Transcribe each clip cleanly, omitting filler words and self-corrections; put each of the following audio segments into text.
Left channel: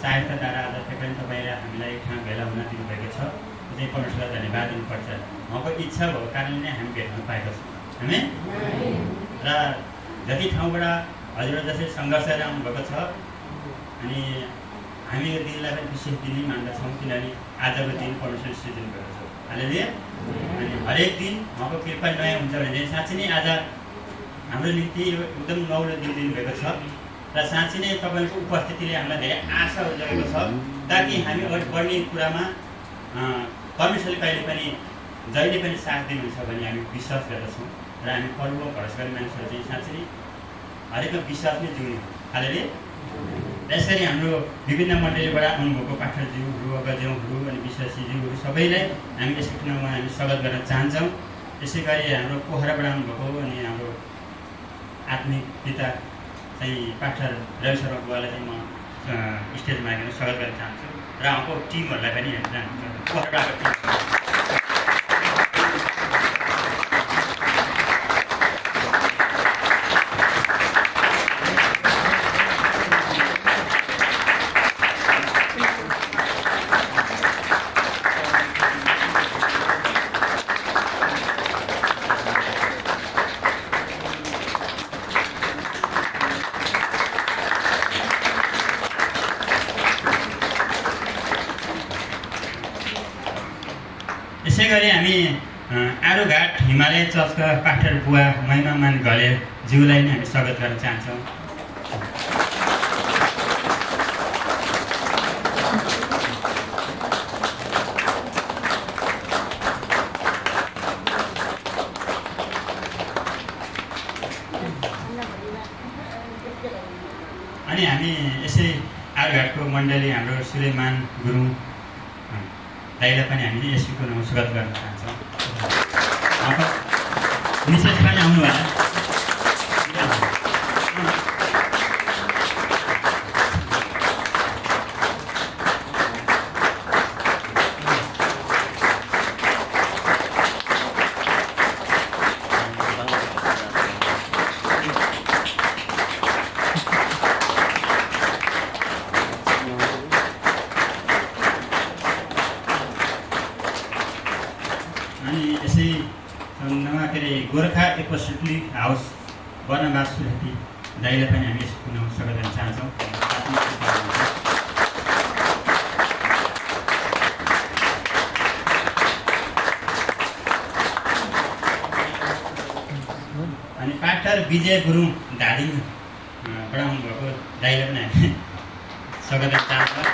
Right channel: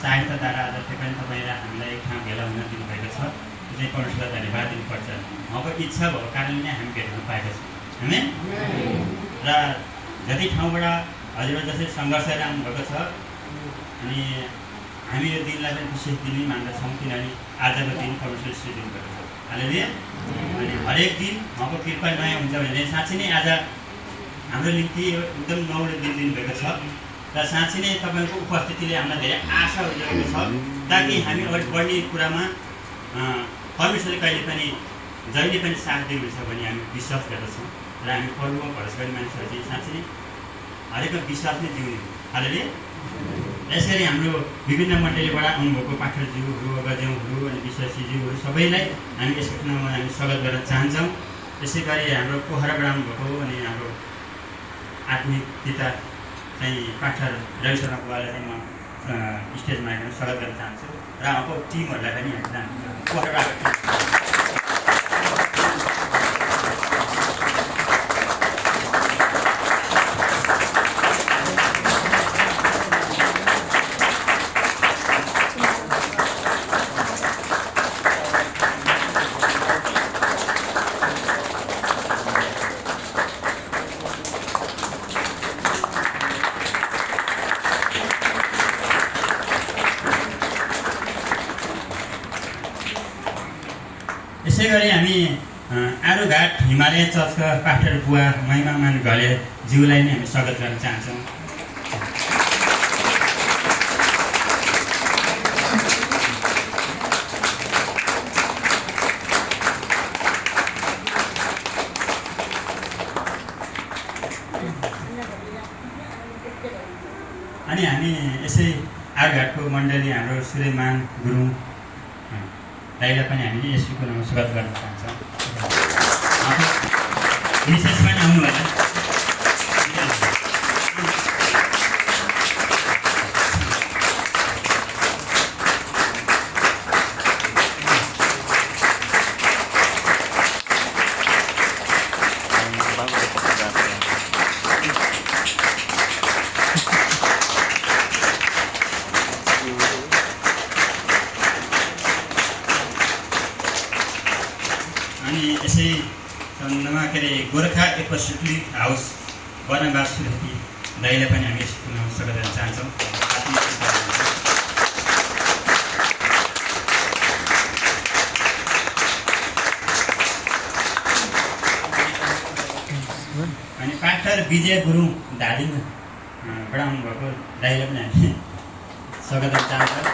सहायताद्वारा आज पनि तपाईँले हामीलाई ठाउँ भेला हुन दिनुभएको छ। त्यो चाहिँ परमेश्वरलाई धन्यवाद दिनुपर्छ। उहाँको इच्छा भएको कारणले नै हामी भेट्न पाएका छौँ हैन। र जति ठाउँबाट हजुरहरू जस्तै सङ्घर्षहरू आउनुभएको छ अनि हामी यो दिनलाई पनि विशेष दिन मान्दछौँ किनभने आजको दिन परमेश्वर सृष्टि दिनुभएको छ। हालेलुया। अनि हरेक दिन उहाँको कृपा नयाँ हुन्छ भने साँच्चै नै आज हाम्रो निम्ति एकदम नौलो दिन दिनुभएको छ र साँच्चै नै तपाईँको उपस्थितिले हामीलाई धेरै आशाहरू जगेको छ ताकि हामी अगाडि बढ्ने कुरामा परमेश्वरले कहिले पनि जहिले पनि साथ दिनुहुन्छ भन्ने हामी विश्वास गर्दछौँ र हामी प्रभुमा भरोसा गर्ने मानिसहरू चाहिँ साँच्चै नै हरेकमा विश्वास नै जिउने हो। हालेलुया। यसरी हाम्रो विभिन्न मण्डलीबाट आउनुभएको पाठकज्यूहरू अगज्यूहरू अनि विश्वासीज्यूहरू सबैलाई हामी यसको ठाउँमा हामी स्वागत गर्न चाहन्छौँ। यसै गरी हाम्रो पोखराबाट आउनुभएको अनि हाम्रो आत्मिक पिता चाहिँ पाठक रवि शर्मा बुवालाई चाहिँ म स्टेजमा आएर स्वागत गर्न चाहन्छु र उहाँको टिमहरूलाई पनि पोखराबाट यसै गरी हामी आरुघाट हिमालय चर्चका पास्टर बुवा महिमामान घले ज्यूलाई नै हामी स्वागत गर्न चाहन्छौँ। अनि हामी यसै आरुघाटको मण्डली हाम्रो सुलेमान गुरुङ दाइलाई पनि हामीले यसको नाम स्वागत गर्न चाहन्छौँ। विशेष पनि आउनु होला। अनि यसै सम्बन्धमा के अरे गोर्खा एपोस्टोलिक हाउस वनवास सुरती दाइलाई पनि हामी यसको नाम स्वागत गर्न चाहन्छौँ। अनि पास्टर विजय गुरुङ धादिङबाट आउनुभएको दाइलाई पनि हामी स्वागत गर्न चाहन्छौँ।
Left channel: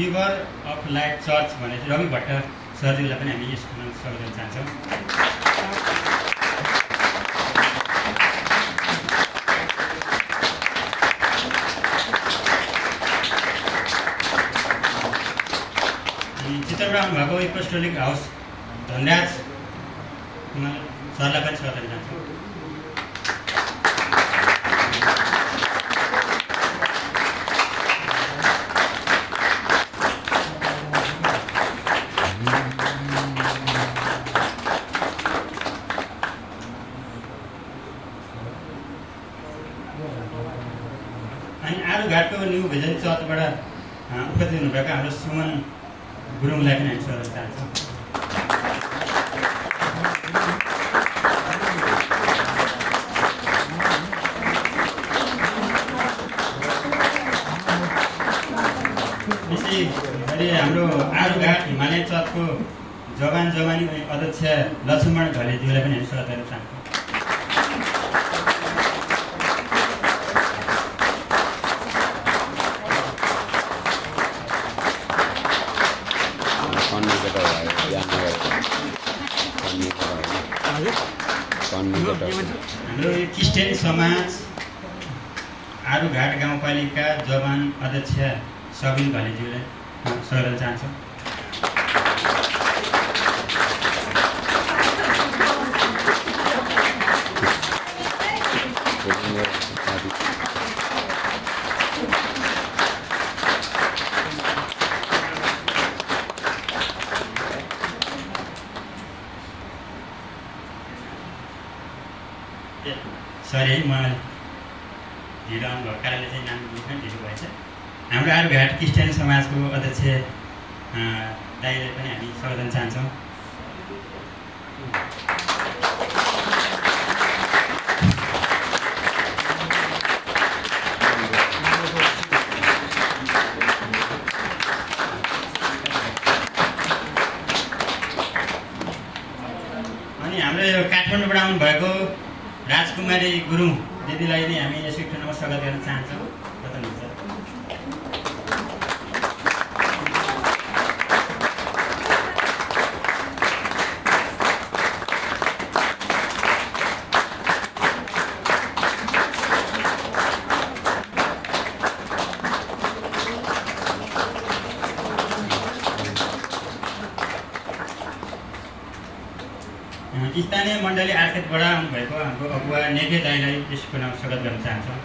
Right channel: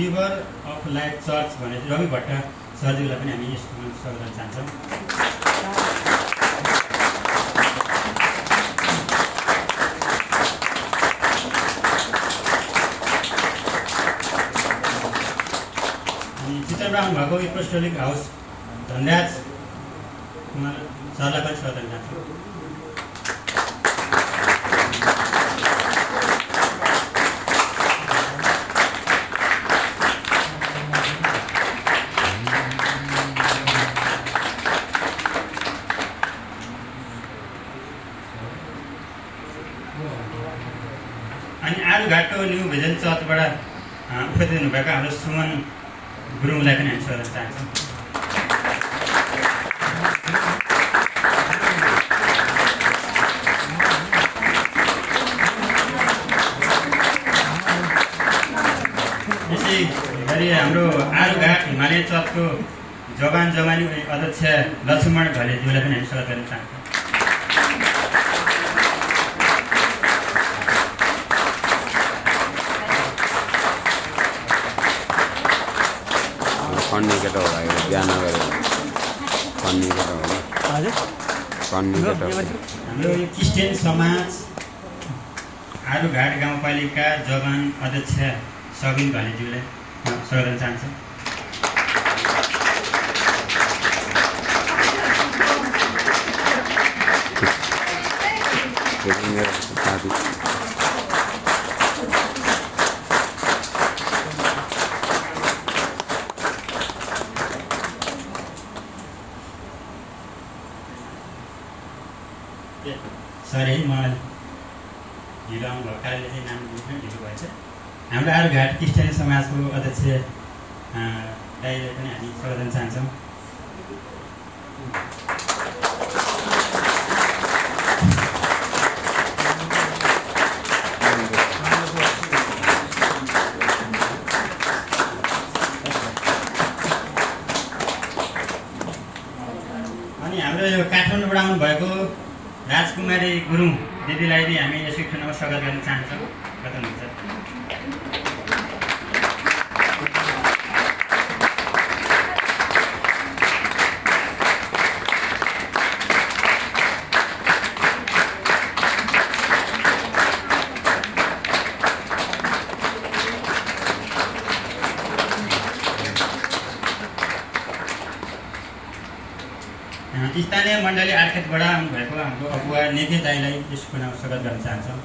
रिभर अफ लाइट चर्च भनेर रवि भट्ट सरजीलाई पनि हामी यसको नाम स्वागत गर्न चाहन्छौँ। चित्रबाट आउनुभएको एपोस्टोलिक हाउस धनराज कुमार सरलाई पनि स्वागत गर्न चाहन्छौँ। अनि आरुघाटको न्यू भिजन चर्चबाट उपस्थित हुनुभएका हाम्रो सुमन गुरुङलाई पनि हामी स्वागत चाहन्छौँ। यसै गरी हाम्रो आरुघाट हिमालय चर्चको जवानी अध्यक्ष लक्ष्मण घलेज्यूलाई पनि हामी स्वागत गर्न चाहन्छौँ। हाम्रो यो क्रिस्चियन समाज आरुघाट गाउँपालिका जवान अध्यक्ष सबिन घलेज्यूलाई स्वागत गर्न चाहन्छौँ। सरी है म ढिलो आउनुभएको कारणले चाहिँ नाम लिनु ढिलो भएछ। हाम्रो आरुघाट क्रिस्चियन समाजको अध्यक्ष दाइलाई पनि हामी स्वागत गर्न चाहन्छौँ। अनि हाम्रो यो काठमाडौँबाट आउनुभएको राजकुमारी गुरुङ दिदीलाई पनि हामी यसको ठाउँमा स्वागत गर्न चाहन्छौँ। कता हुनुहुन्छ? स्थानीय मण्डली आर्केटबाट आउनुभएको हाम्रो अगुवा नेके दाईलाई यसको नाम स्वागत गर्न चाहन्छौँ।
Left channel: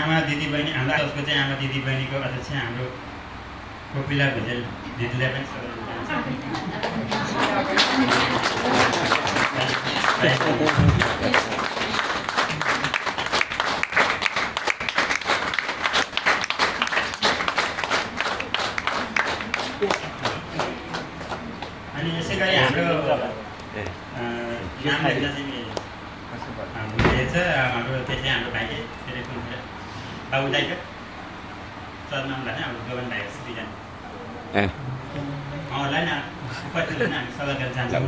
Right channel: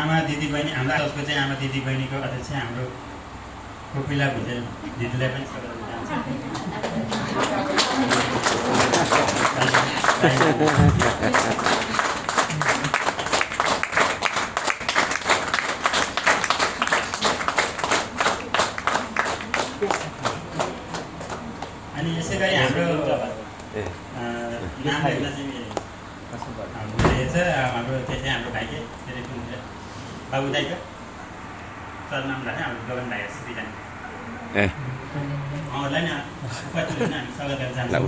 आमा दिदीबहिनी हाम्रो उसको चाहिँ आमा दिदीबहिनीको अध्यक्ष हाम्रो कोपिला भुजेल दिदीलाई पनि स्वागत गर्न चाहन्छौँ। अनि यसै गरी हाम्रो नाम लेख्न चाहिँ भुलिएछ हाम्रो त्यो चाहिँ हाम्रो भाइ बाबु दाइको सरनाम भयो हाम्रो गगन भाइ दुईजना उहाँहरूलाई न कतिजना हामी स्वागत गर्न चाहन्छौँ।